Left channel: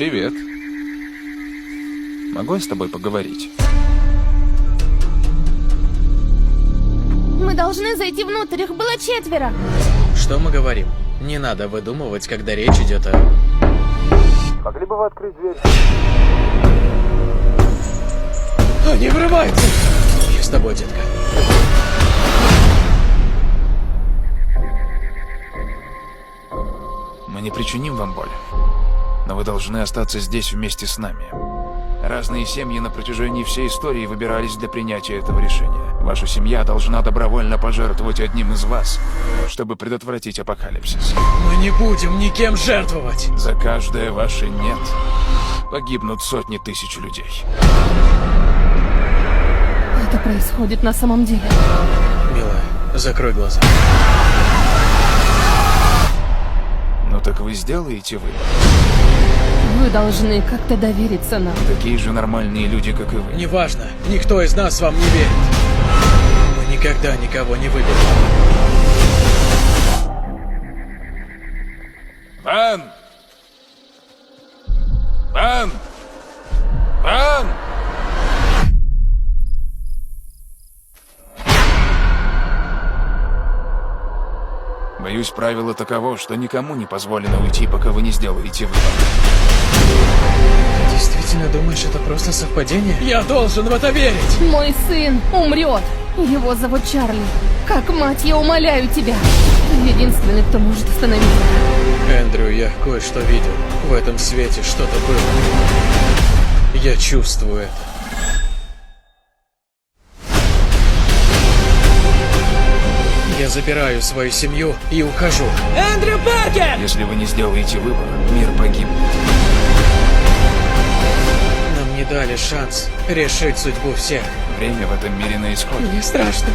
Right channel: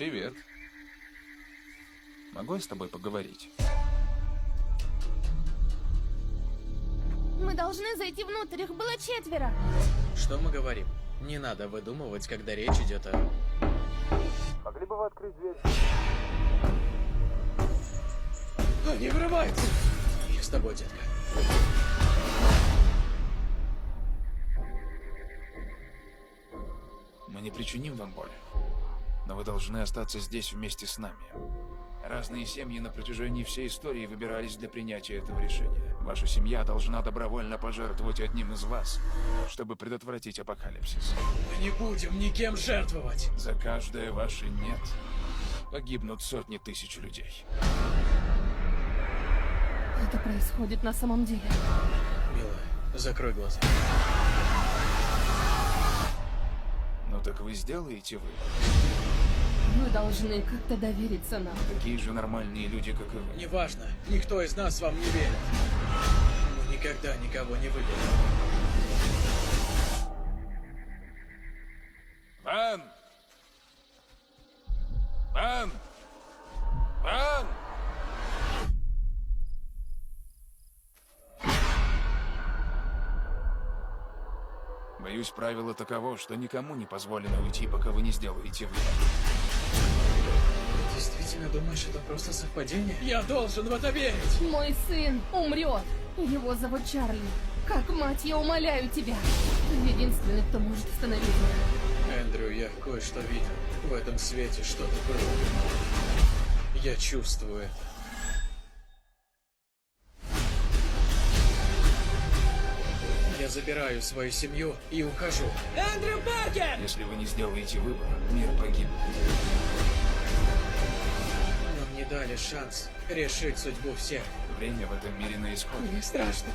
Привет. Могу я с тобой поговорить? Мы должны зайти внутрь, их было 4. Что мы говорим? Не надо выдумывать, когда речь идет о... Могли бы вы открыть дверь? Они врываются! Я с тобой, детка. Мы не причиним вам боль, но вы должны остаться здесь вместе с нами. Разные семьи на протяжении всей истории выбирались для принятия этого решения. Ваша семья должна добровольно пожертвовать одним из вас, чтобы предотвратить апокалипсис. Мы не будем никем жертвовать! За каждое ваше «нет» погибнут сотни тысяч людей. Это происходит на самом деле. Милая, закрой глаза. Ну так вы сделаете выбор. Вы должны как-то довериться нам. Такие же нормальные люди, как и вы. Неважно, никто из нас вам не верит. Мы никогда никого не выберем. Ван! Ван! Ван! Боюсь, правило таково, что никому не позволено уйти, пока вы не сделаете выбор. Действительно думаешь, это просто совпадение? Я должен в это верить! Мой сын умрет. Его зовут Чарли. Как мать, я умоляю тебя. Ты единственный, кто может остановить это. Эндрю, я кое-что видел. В этом свете что-то было. Я чувствую это. Я забираю свою семью и ухожу. Эндрю Паркер! Если вы не сделаете выбор, мир погибнет. Нам не дали шанс решить судьбу всех. Время в этом мире на исходе. Мне страшно.